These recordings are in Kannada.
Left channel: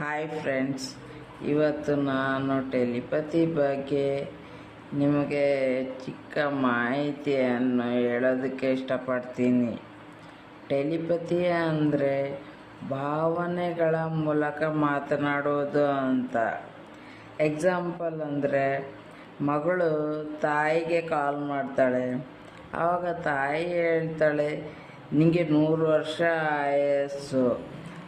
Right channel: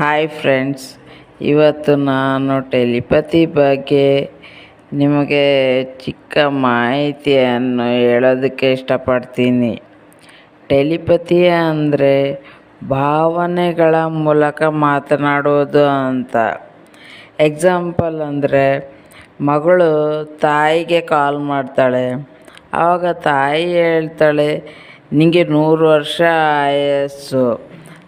ಹಾಯ್ ಫ್ರೆಂಡ್ಸ್ ಇವತ್ತು ನಾನು ಟೆಲಿಪತಿ ಬಗ್ಗೆ ನಿಮಗೆ ಚಿಕ್ಕ ಮಾಹಿತಿಯನ್ನು ಹೇಳೋದಕ್ಕೆ ಇಷ್ಟಪಡ್ತೀನಿ. ಟೆಲಿಪತಿ ಅಂದರೆ ಭಾವನೆಗಳ ಮೂಲಕ ಮಾತನಾಡುವುದು ಅಂತ. ಎಕ್ಸಾಂಪಲ್ ಅಂದರೆ ಮಗಳು ತಾಯಿಗೆ ಕಾಲ್ ಮಾಡ್ತಾಳೆ. ಆವಾಗ ತಾಯಿ ಹೇಳ್ತಾಳೆ ನಿಮಗೆ ನೂರು ವರ್ಷ ಆಯಸ್ಸು.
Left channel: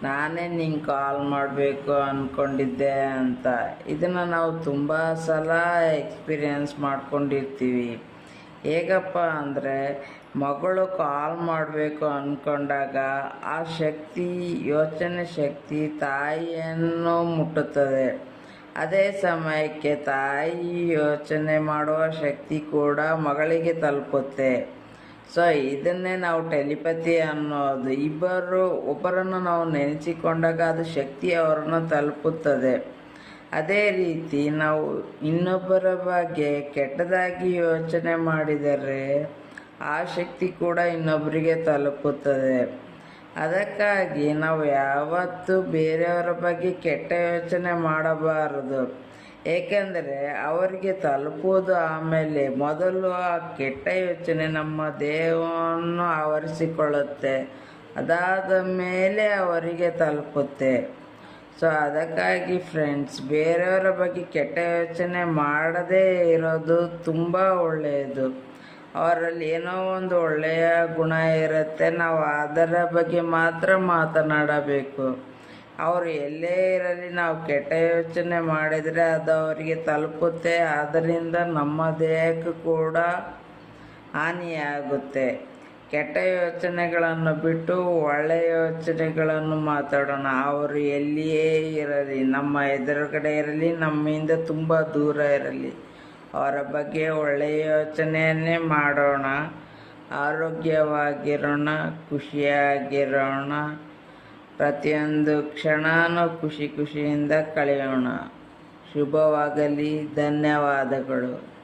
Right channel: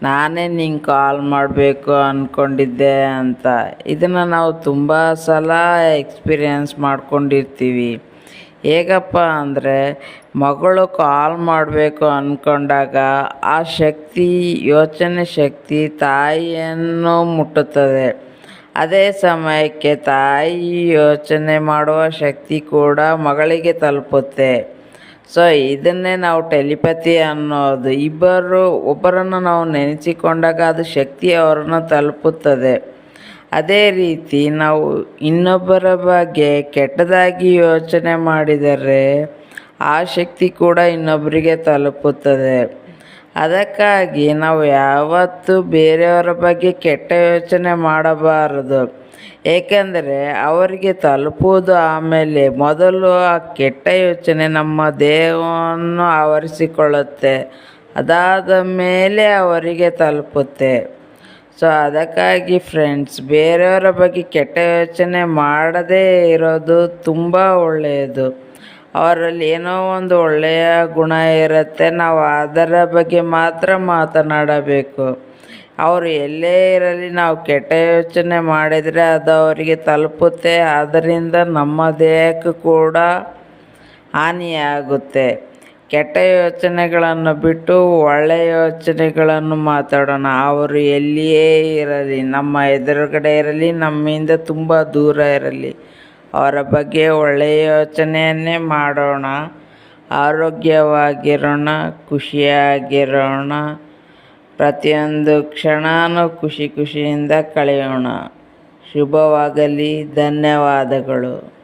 ನಾನೇ ನಿಂಗೆ ಕಾಲ್ ಮಾಡಬೇಕು ಅಂದ್ಕೊಂಡಿದ್ದೆ ಅಂತ. ಇದನ್ನು ನಾವು ತುಂಬ ಸಲ ಎಕ್ಸ್ಪೀರಿಯನ್ಸ್ ಮಾಡ್ಕೊಂಡಿರ್ತೀವಿ. ಹೇಗಪ್ಪ ಅಂದರೆ, ಮಗಳು ಕಾಲ್ ಮಾಡಬೇಕು ಅಂದ್ಕೊಂಡಾಗ ಆ ಶಕ್ತಿ, ಯೋಚನೆ ಶಕ್ತಿ ತಾಯಿಯನ್ನು ಮುಟ್ಟುತ್ತದೆ. ಅದೇ ಸಮಯಕ್ಕೆ ತಾಯಿ ಯೋಚನೆ ಮಾಡುವ ಶಕ್ತಿ ಕೂಡ ಮಗಳಿಗೆ ತಲುಪುತ್ತೆ. ಸೊ ಇದನ್ನೇ ನಾವು ಟೆಲಿಪತಿ ಅನ್ನೋದು. ಇಬ್ಬರು, ಒಬ್ಬರನ್ನು ನಾವು ನೆನೆಸಿಕೊಂಡಾಗ ಅದು ಶಕ್ತಿ ಅವರನ್ನು ತಲುಪುತ್ತದೆ. ಅದೇ ರೀತಿ ನಾವು ಇನ್ನೊಬ್ಬರ ಬಗ್ಗೆ ಕೆಟ್ಟದಾಗಿ ಯೋಚನೆ ಮಾಡಿದರೆ ಆ ಶಕ್ತಿ ಕೂಡ ಇನ್ನೊಬ್ಬರಿಗೆ ತಲುಪುತ್ತದೆ. ಅದಕ್ಕಾಗಿ ನಾವು ಯಾವತ್ತೂ ಬೇರೆಯವರ ಬಗ್ಗೆ ಕೆಟ್ಟ ಯೋಚನೆ ಮಾಡಬಾರದು. ಏಕೆಂದರೆ ಅವರಿಗೆ ತಲುಪುವುದು ಆಮೇಲೆ ಮೊದಲು ಆ ಕೆಟ್ಟ ಯೋಚನೆ ನಮ್ಮ ದೇಹವನ್ನು ಆವರಿಸಿಕೊಳ್ಳುತ್ತೆ. ಅದಾದ ಮೇಲೆ ಅವರಿಗೆ ತಲುಪುತ್ತೆ. ಸೊ ಅದಕ್ಕಾಗಿ ಫ್ರೆಂಡ್ಸ್ ಬೇರೆಯವರ ಬಗ್ಗೆ ಕೆಟ್ಟ ಯೋಚನೆ ಮಾಡದೇ ಇರೋದು ತುಂಬ ಒಳ್ಳೆಯದು. ಅವರಲ್ಲಿ ಏನೋ ಒಂದು ಒಳ್ಳೆಯ ಗುಣ ಇರುತ್ತೆ. ನಾವು ಅದರ ಬಗ್ಗೆ ಮಾತ್ರ ಮಾತನಾಡಬೇಕು. ಅವರು ಎಲ್ಲೇ ಇರಲಿ ನಾವು ಕೆಟ್ಟ ಯೋಚನೆ ಮಾಡಿದರೆ ಅದು ಅವರಿಗೆ ತಲುಪುತ್ತೆ. ಅದರಿಂದ ನಮ್ಮ ದೇಹಕ್ಕೂ ಕೂಡ ಹಾನಿಯಾಗುತ್ತೆ. ಕೆಟ್ಟ ಯೋಚನೆಗಳನ್ನು ಬಿಟ್ಟು ಒಳ್ಳೆಯ ಯೋಚನೆಗಳನ್ನು ಮಾತಾಡೋಣ. ಅವರು ಎಲ್ಲಿಯೇ ಇರಲಿ, ನಮ್ಮ ಎದುರುಗಡೆ ಇರಲಿ, ನಮ್ಮಿಂದ ತುಂಬ ದೂರ ಇರಲಿ. ಅವರ ಬಗ್ಗೆ ಒಳ್ಳೆಯ ಯೋಚನೆಯನ್ನೇ ಮಾಡೋಣ. ಆರೋಗ್ಯವಾಗಿರೋಣ ಖುಷಿಯಾಗಿರೋಣ. ಪ್ರತಿಯೊಂದು ಕ್ಷಣನೂ ಖುಷಿ ಖುಷಿಯಿಂದ ಕಳೆಯೋಣ. ಶುಭವಾಗಲಿ ಧನ್ಯವಾದಗಳು.